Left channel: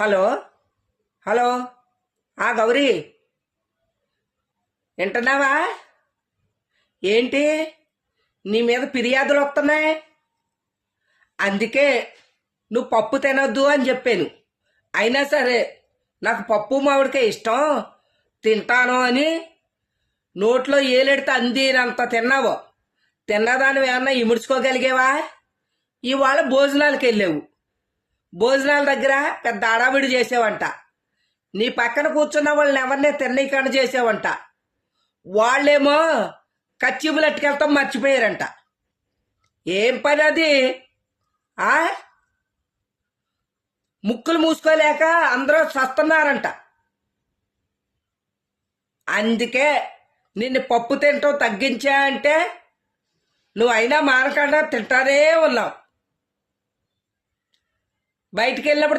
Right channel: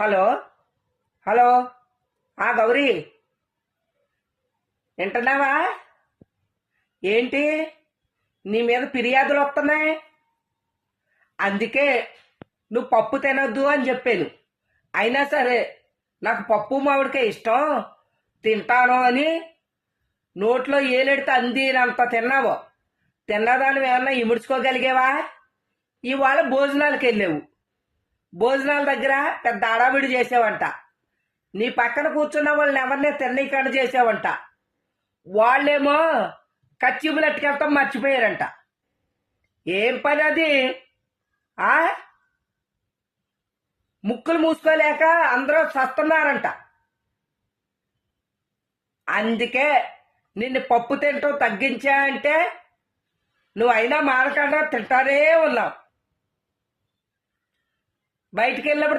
Hello hello Gauri, వింటున్నావా? ఏంటి, నీ మీద ఫిర్యాదులు వస్తున్నాయి. అందుకే నువ్వు పప్పు తినొద్దు అని చెప్పాను. అయినా సరే నాకు పప్పు మామిడికే ఇష్టం, తింటాను అని నోట్లో ఏలెడితే అందినంత తిన్నావు. తిన్నదాన్ని ఏమన్నా ఇముడ్చుకోగలిగేవా? ఇవాళ భోజనాలకు వెళ్ళావు. భోజనాల దగ్గర పెద్ద అడావిడి చేసావంట. నీ పక్కన కూర్చున్న వాళ్ళని ఎవరినే తిన్నీకండ చేసావంట. వాళ్ళేమో కచ్చిబులు అట్టుకెళ్తాం మర్చిపోయారంట. ఏం పని అది? ఆ ముక్కులు మూసుకోలేక అందరూ చస్తున్నారంట. అందుకే నిన్ను పప్పు తింటాం తగ్గించా అంటే నువ్వు అయినా మానకుండా తింటానే ఉన్నావు. బయటికి వెళ్ళినప్పుడు